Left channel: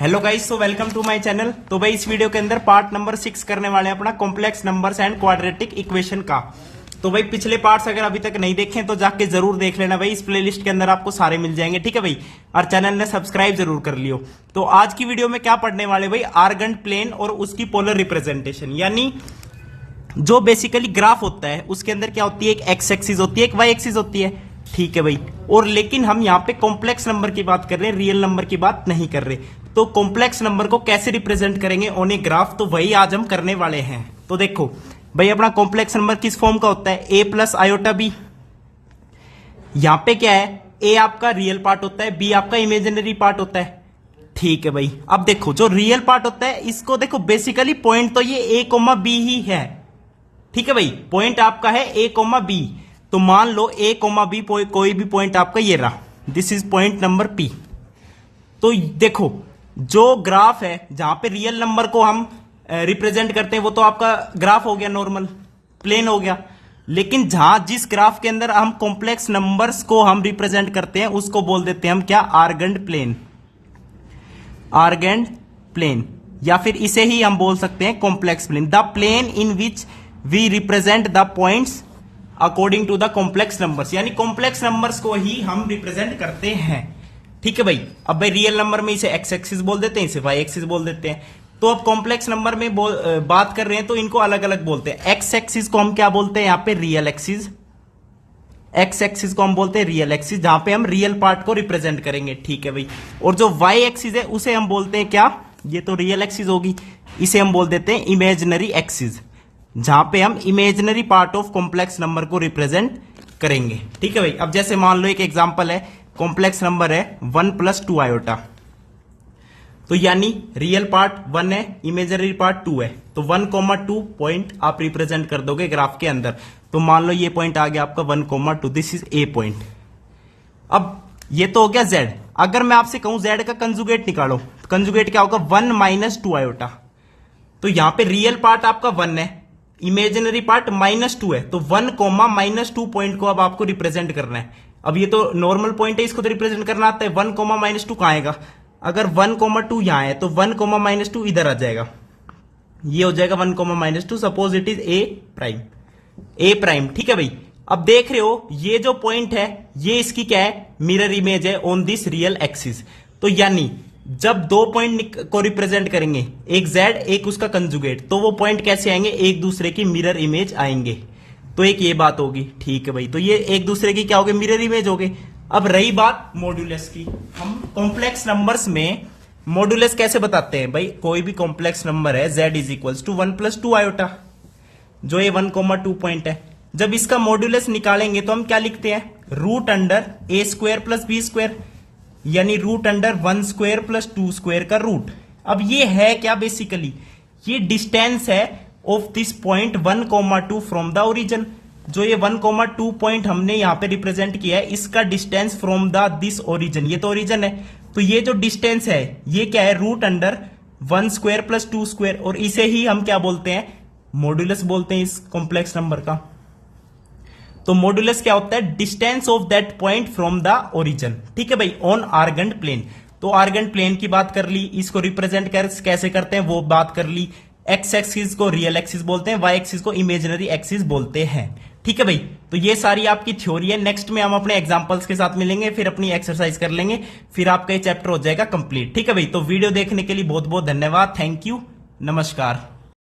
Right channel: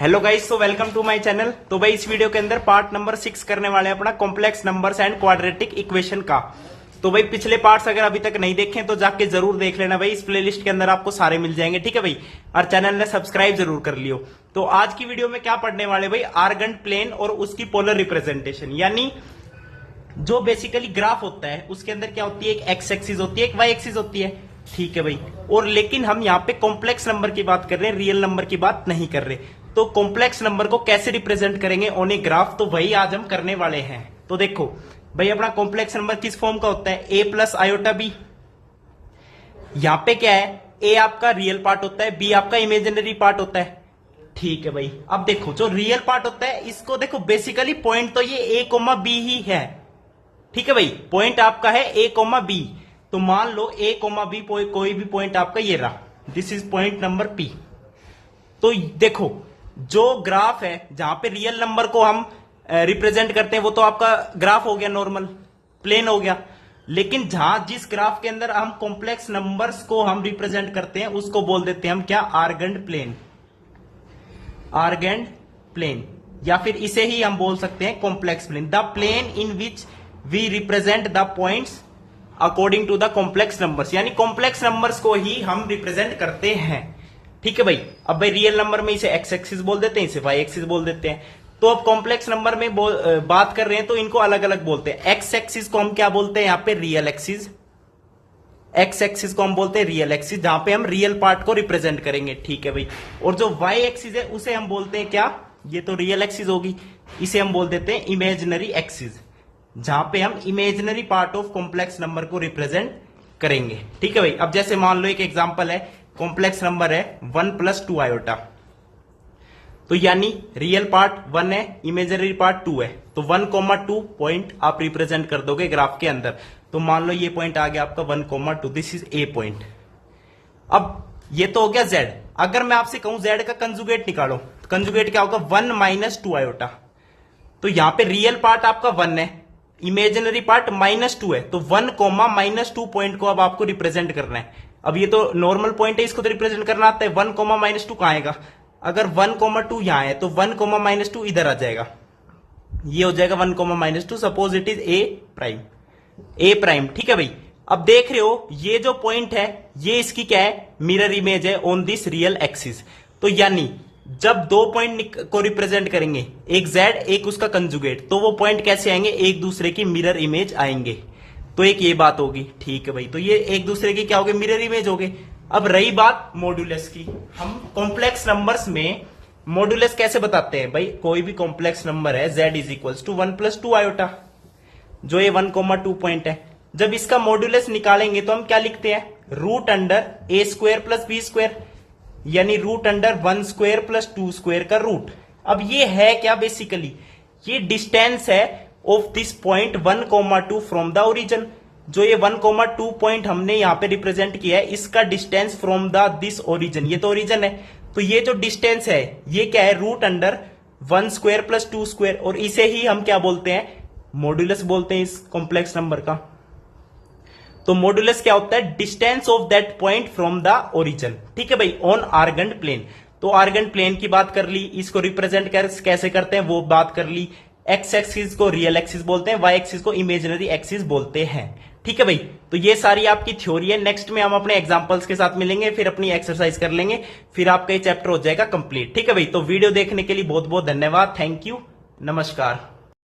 Hello guys, so welcome to my channel. तो भाई इस वीडियो के अंदर पार्ट नंबर 6 करने वाले हैं अपना complex numbers and quadratic equation का। तो भाई पिछले पार्ट्स अगर अभी तक नहीं देखे तो जाके जरूर देख लेना भाई, इस प्लेलिस्ट के अंदर आपको सारे मिल जाएंगे, ठीक है भाई। और चैनल ने सब्सक्राइब जरूर कर लियो। तो आज की वीडियो में क्या पढ़ने वाले भाई, आर्गेंट प्लेन और उसकी पोलर रिप्रेजेंटेशन, यानी जो बेसिकली ग्राफ होता है उसके अंदर क्या होती है, एक एक्स एक्सिस होती है, एक वाई एक्सिस होती है, ठीक है भाई। और लेकिन हम यहाँ पे कॉम्प्लेक्स नंबर की बात कर रहे हैं, रियल नंबर की बात नहीं कर रहे। तो कॉम्प्लेक्स नंबर को कैसे रिप्रेजेंट करेंगे ऑन ए ग्राफ, तो वही आज हम करने वाले हैं। तो देखो भाई, अपना कॉम्प्लेक्स नंबर किस फॉर्म का होता है, ए प्लस आयोटा बी। यहां पे क्या है, ए आपका रियल पार्ट होता है, बी आपका इमेजिनरी पार्ट होता है, ठीक है भाई। अब देखो जो रियल पार्ट होता है इसको देखो, बेसिकली पॉइंट तो ये ए कोमा बी ही है, ठीक है भाई। पॉइंट आपका है ए कोमा बी। तो मान लो ए कोमा बी कोई भी पॉइंट आपका ये रहा, this is point number P. तो देखो जो ग्राफ है जहां पे रियल नंबर को हम रिप्रेजेंट करते हैं वो तो आपका ग्राफ हो गया, नॉर्मल प्लेन हो गया। लेकिन जिस ग्राफ के अंदर हम कॉम्प्लेक्स नंबर्स को हम रिप्रेजेंट करते हैं उसको बोल देते हैं हम क्या, आर्गेंट प्लेन। आर्गेंट प्लेन, या फिर इसे ही हम बोल सकते हैं complex plane, the plane in which we represent the points according to the complex numbers, यानी कॉम्प्लेक्स नंबर्स को ही हम रिप्रेजेंट करते हैं, ठीक है भाई। अब भाई रियल नंबर में इसे एक्स एक्सिस बोल देते हैं, इसे वाई एक्सिस बोल देते हैं। तो अब कॉम्प्लेक्स नंबर में बात कर रहे हैं तो इनको अलग अलग बोलते हैं। एक्स एक्सिस को हम क्या बोलते हैं, यहाँ पे रियल एक्सिस। एक्स एक्सिस को हम बोलते हैं रियल एक्सिस, जहां पे हम रियल पार्ट को रिप्रेजेंट करेंगे, ठीक है भाई। और जो वाई एक्सिस है उसे हम बोलते हैं क्या, ये तो रियल एक्सिस होगी, इसे हम बोल देते हैं इमेजिनरी एक्सिस, जहां पे हम imaginary part of complex number को रिप्रेजेंट करेंगे, ठीक है भाई। अब जैसे मान लो एक एग्जांपल है, कॉम्प्लेक्स नंबर है 1 + 2 आयोटा। तो यानी रियल पार्ट 1 है, इमेजिनरी पार्ट 2 है। तो 1,2 पॉइंट आप रिप्रेजेंट कर दोगे ग्राफ के अंदर। तो मान लो ये पॉइंट आ गया आपका 1,2, दिस इज ए पॉइंट। अब ये तो हो गया z। अगर मैं आपसे कहूं z का कंजुगेट निकालो, तो कंजुगेट क्या होगा, 1 - 2 आयोटा। तो यहां पे रियल पार्ट आपका 1 है, इमेजिनरी पार्ट -2 है। तो 1, -2 पॉइंट को अब आपको रिप्रेजेंट करना है। अब ये तो नॉर्मल पॉइंट है, इसको तो रिप्रेजेंट करना आता है। 1, -2 कहां आएगा, अगर 1, 2 यहां है तो 1, -2 इधर आ जाएगा, ये हो जाएगा 1, -2। Suppose it is a prime, ठीक है भाई। अब देख रहे हो ये जो पॉइंट है ये इसकी क्या है, मिरर इमेज है ऑन दिस रियल एक्सिस। तो यानी जब दो पॉइंट को रिप्रेजेंट करेंगे, एक जेड एक उसका कंजुगेट, तो वो पॉइंट कैसे आएंगे, एक दूसरे की मिरर इमेज आएंगे। तो एक ये बात होगी, ठीक है भाई। तो ये एक दूसरे की क्या हो गए, मिरर इमेज हो गए। अब रही बात मॉड्यूलस की, हम कॉम्प्लेक्स नंबर्स में मॉड्यूलस कैसे बताते हैं भाई, कोई भी कॉम्प्लेक्स नंबर है z = 1 + 2 आयोटा, जो ये 1,2 पॉइंट है। जब इसका मॉड्यूलस निकालेंगे तो हम क्या लिखते हैं, √A² + B², यानी √1² + 2² का रूट। अब ये है क्या, बेसिकली ये डिस्टेंस है of this point 1,2 from the origin. जो ये 1,2 पॉइंट हमने यहां पे रिप्रेजेंट किया है, इसका distance from the this origin, ये तो ओरिजिन है। तो ये जो डिस्टेंस है ये क्या है, √1² + 2², और इसे ही हम क्या बोलते हैं, मॉड्यूलस बोलते हैं इस कॉम्प्लेक्स नंबर का। तो मॉड्यूलस क्या होता है, distance of that point from the origin, ठीक है भाई, ऑन आर्गेंट प्लेन। तो आर्गेंट प्लेन की बात कर ली, इसको रिप्रेजेंट कैसे करते हैं वो बात कर ली। एक्स एक्सिस को रियल एक्सिस बोलते हैं, वाई एक्सिस को इमेजिनरी एक्सिस बोलते हैं, ठीक है भाई। तो ये सारी आपकी थ्योरी है। नेक्स्ट में हम अपने एग्जांपल्स के साथ मिलेंगे, फिर अपनी एक्सरसाइज कर लेंगे, फिर आपका ये चैप्टर हो जाएगा कंप्लीट, ठीक है भाई। तो वीडियो देखने के लिए बहुत बहुत धन्यवाद, थैंक यू, नमस्कार।